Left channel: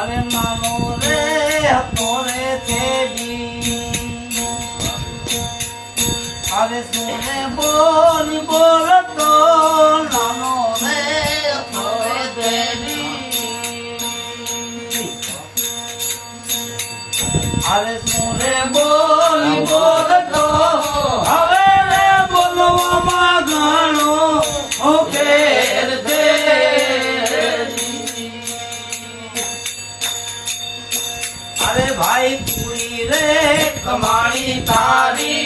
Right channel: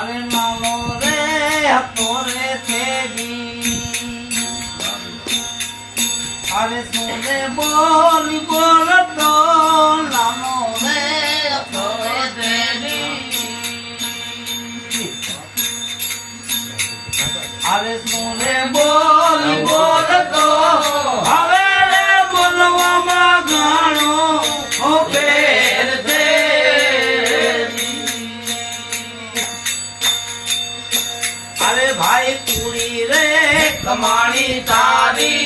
अरे मानो रे तोरे देवी अरे सोने बोल बोल तो नानो रे तोरे देवी अरे सोने बोल बोल तो हवे रे बोलवा मागणो ओकेर दे अरे भाई कुड़ी रे कमाणी तारी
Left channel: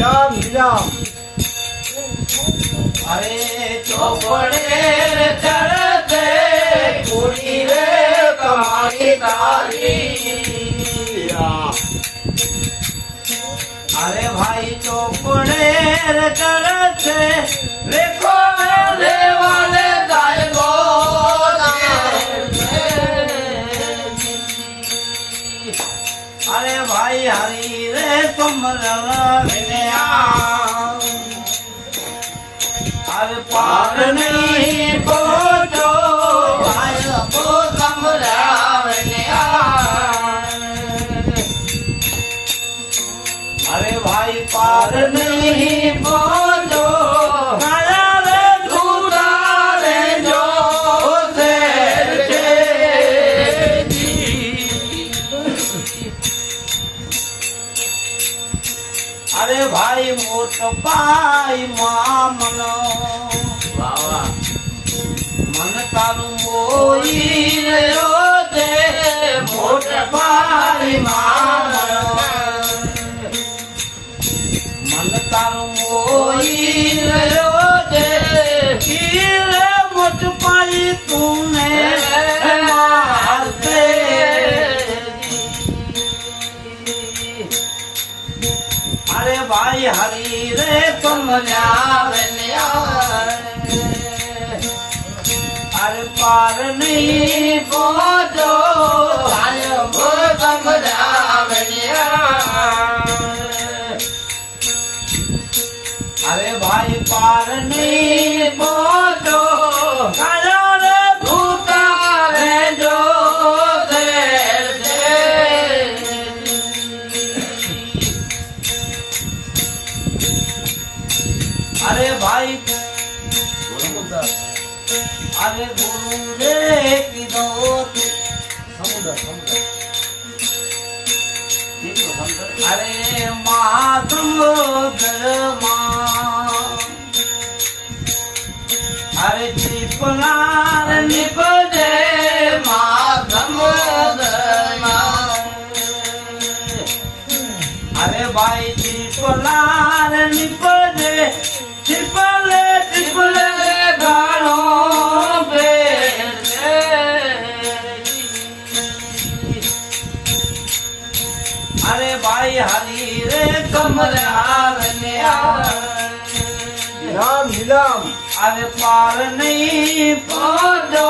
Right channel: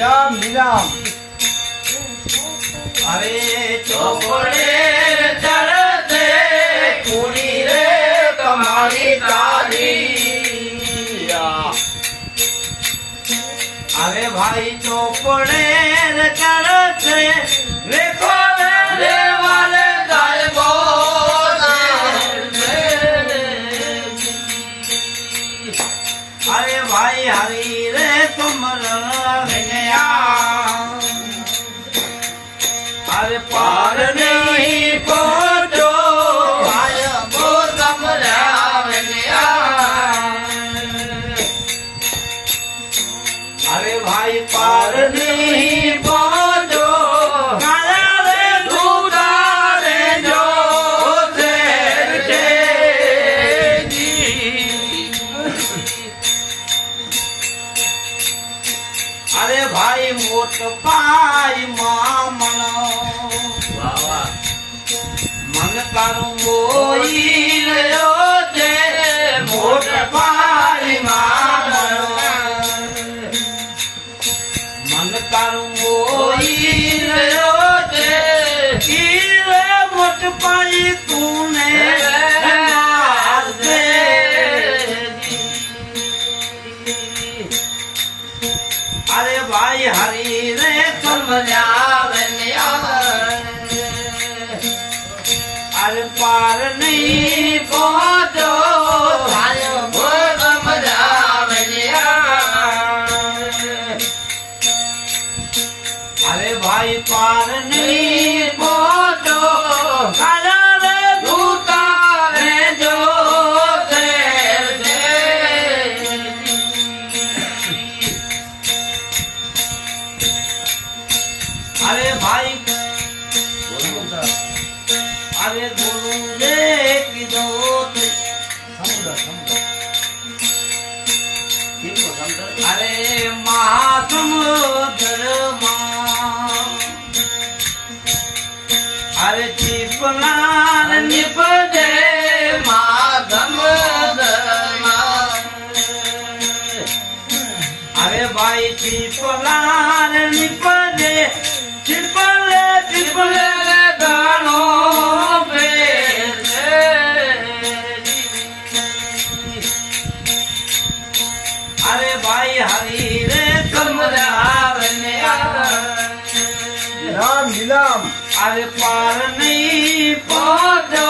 राम राम अरे चौपड़े चढ़ते कुड़ी रे कमाणी तारी अरे भाई चौपड़े चढ़ते देखो देवाले दाए अरे भाई हरी रे तुम रंगया अरे पार नहीं पहुंचो भाई वो तुम रंगया अरे भाई पार नहीं पहुंचो अरे भाई मोट पाई मामन मन तारू मोई रयो दे मोट पाई मामन मन तारू मोई रयो दे कीरे मोट पाई तूने मार दे अरे भाई हरी रे तुम जावलिया अरे पार नहीं पहुंचो भाई वो तुम जावलिया अरे भाई पार नहीं पहुंचो खाजा रे भूता रे जो अरे भाई अरे गुरु रे की दोत अरे महासमुद्र अरे चिपनार निपदे महासमुद्र अरे भाई चिपनार निपदे चिपले चिपले गानो अरे भाई हरी रे कमरा राम राम अरे पार नहीं पहुंचो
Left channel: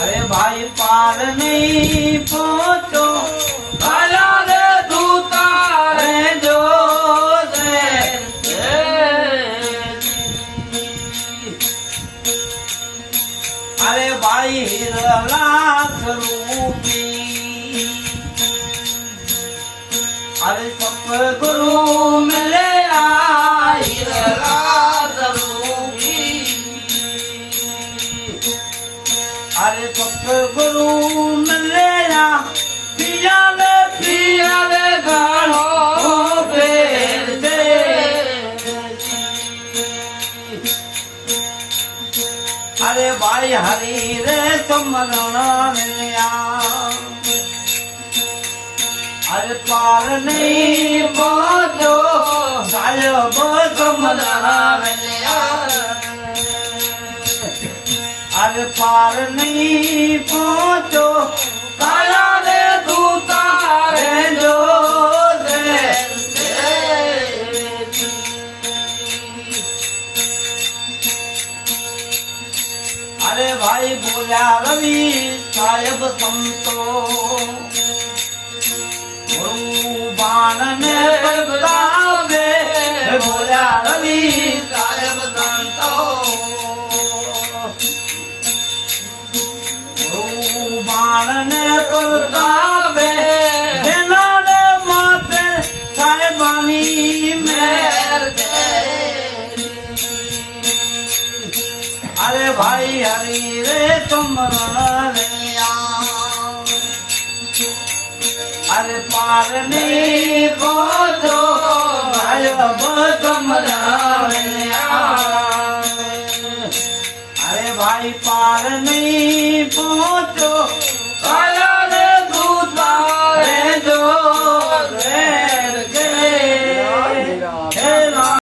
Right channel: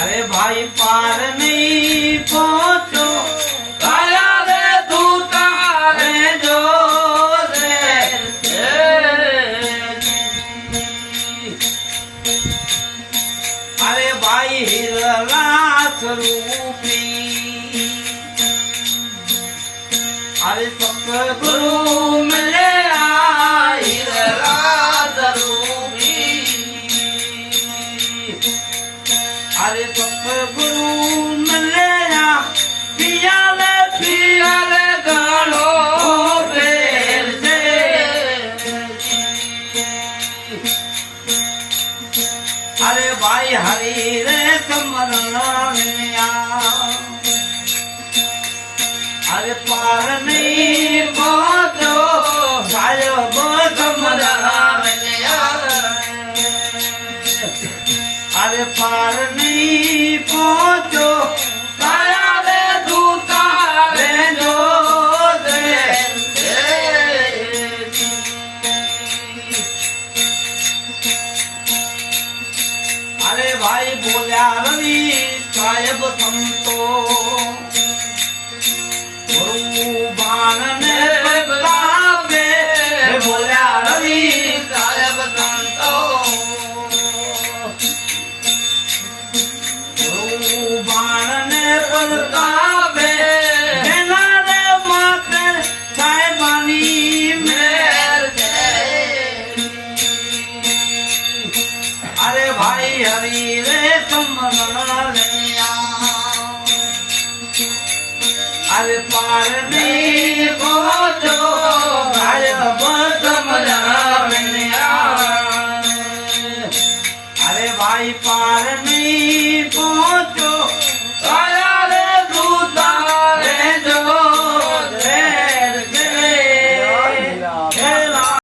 अरे भाई पार नहीं पहुंचो अरे भाई हिरलाथ रूपी अरे सतगुरु मिले हिरलाथ रूपी अरे सतगुरु मिले पियाले गानो बेर दे अरे भाई हरी रे तुम रंगया अरे पार नहीं पहुंचो साहिब तुम रंगया अरे पार नहीं पहुंचो रे दूता रे जो अरे भाई बोला रवि साहेब संतो बाण ने बोला रवि साहेब संतो ભાઈ હરી રે કમરણિયા અરે પારની પહોંચો ભાઈ કમરણિયા અરે ભાઈ પારની પહોંચો